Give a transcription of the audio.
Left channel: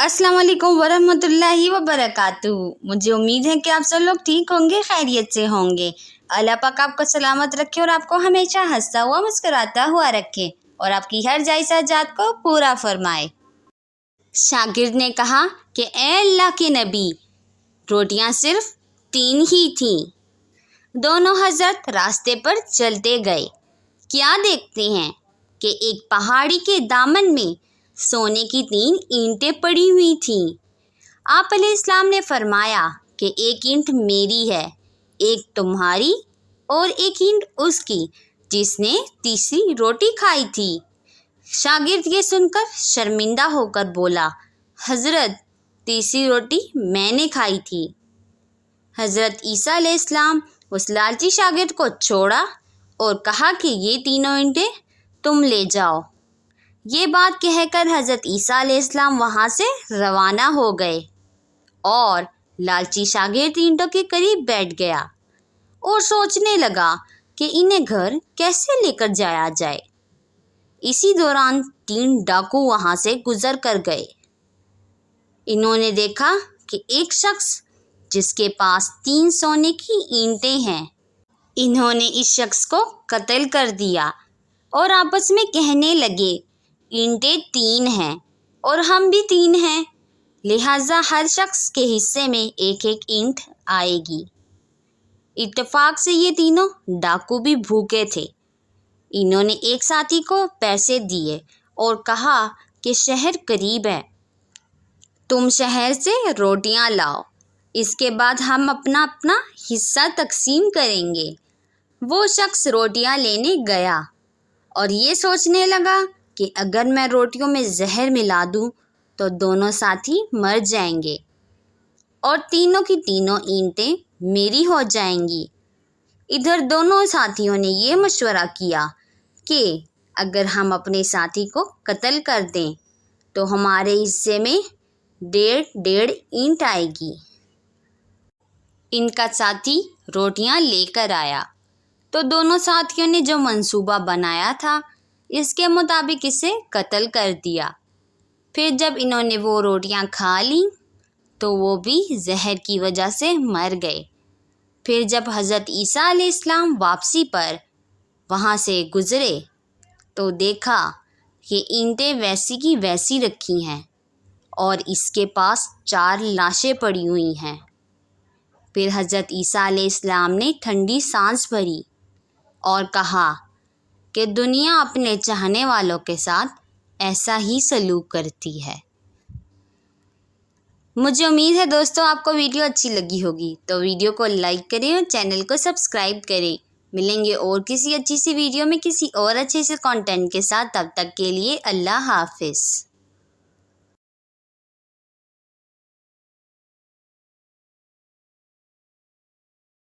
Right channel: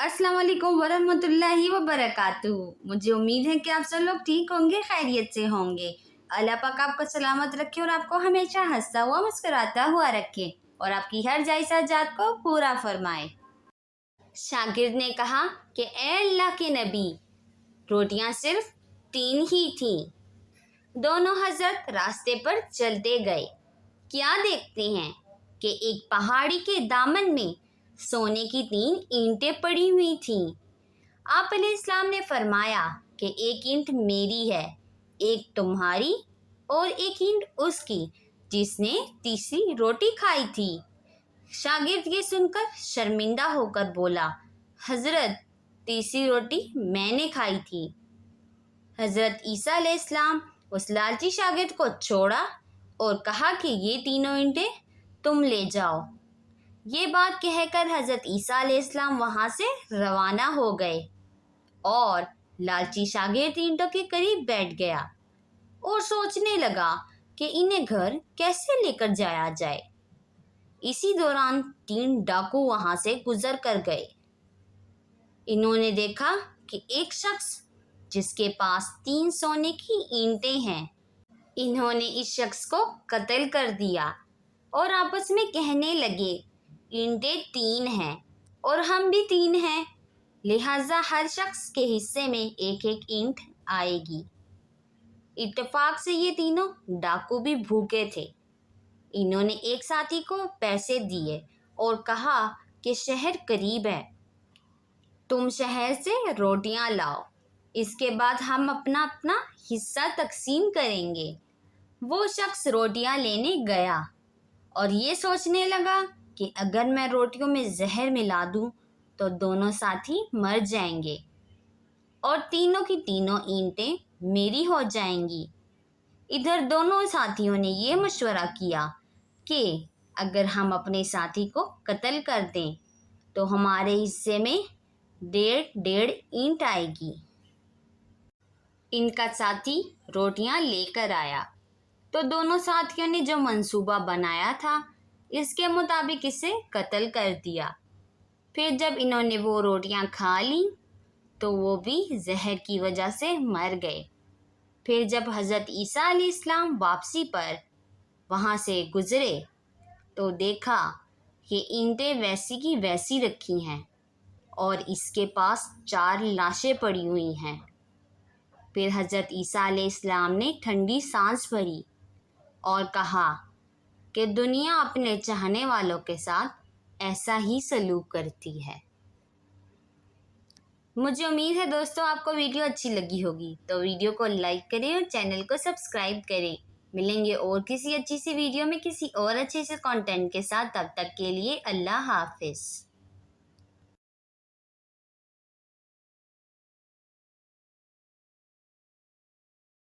अस्सलाम वालेकुम वरहमतुल्लाहि वबरकातुहू। मुझे उम्मीद है कि आप सब लोग ठीक होंगे, खैरियत से होंगे। अल्लाह पाक आपको सलामत रखे और आपको हमेशा हंसता हुआ मुस्कुराता हुआ रखे और आपकी हर जायज़ हाजात को पूरा फरमाए। शागिर्द ने कहा कि ए अल्लाह के नबी, रोटियां सिर्फ 3 ही थीं। दोनों हजरत रास्ते पर चलते गए। क्या देखते हैं कि एक पहाड़ी के दामन में सोने की 3 ईंटें पड़ी हुई थीं। आप अलैहिस्सलाम ने फरमाया कि एक ईंट मेरी है, एक तुम्हारी और एक ईंट उसकी जिसने तीसरी रोटी खाई थी। शागिर्द ये सुनकर शर्मिंदा होकर बोला, हज़रत, तीसरी रोटी मैंने खाई थी। हज़रत ईसा अलैहिस्सलाम उस लालची शागिर्द को छोड़ा और कहा कि ये तीनों ईंटें तुम ले जाओ। ये बात कहकर हज़रत ईसा अलैहिस्सलाम वहाँ से रवाना हो गए और लालची शागिर्द ईंटों के करीब बैठ गया और सोचने लगा कि इन्हें घर कैसे लेकर जाया जाए। इसी दौरान 3 डाकू वहाँ से गुजर कर गए। इन्होंने देखा कि एक शख्स जिसके पास 3 सोने की ईंटें हैं, इन्होंने इस शख्स को कत्ल कर दिया और आपस में कहने लगे, ईंटें 3 हैं और हम भी 3 हैं, लिहाजा हर शख्स के हिस्से में एक एक ईंट आएगी। इत्तेफाक से ये तीनों डाकू भी भूखे थे। इन्होंने एक साथी को पैसे दिए और कहा कि शहर करीब है, तुम शहर से रोटियां लाओ, इसके बाद हम अपना अपना हिस्सा तकसीम करेंगे। वो शख्स रोटियां लेने गया और ये सोचने लगा कि अगर मैं रोटियों में जहर मिला दूं तो दोनों साथी मर जाएंगे और तीनों की तीनों ईंटें मेरी हो जाएंगी। इधर दोनों साथियों ने ये मशवरा किया कि अगर हम अपने साथी को कत्ल कर दें तो हमारे हिस्से में 1.5 ईंट आएगी। इनका साथी रोटियां लेकर आया तो दोनों साथियों ने जो मंसूबा बनाया था इसके मुताबिक इसे कत्ल कर दिया। फिर जब इन्होंने वो रोटियां खा ली तो वो भी जहर की वजह से मर गए। फिर जब हज़रत ईसा अलैहिस्सलाम वापसी पर वहाँ से गुज़रे तो देखा कि ईंटें वैसी की वैसी रखी हैं और इसके पास 4 लाशें पड़ी हुई हैं। फिर हज़रत ईसा अलैहिस्सलाम ने ठंडी सांस भरी और कहा कि दुनिया अपने चाहने वालों के साथ ऐसा ही सलूक करती है। मुझे उम्मीद है दोस्तों आपको वीडियो अच्छी लगी होगी, तो वीडियो को लाइक करें और चैनल को सब्सक्राइब करें। मिलेंगे और किसी अच्छी सी वीडियो में किसी और अच्छे से कंटेंट के साथ। तब तक के लिए अल्लाह हाफिज़।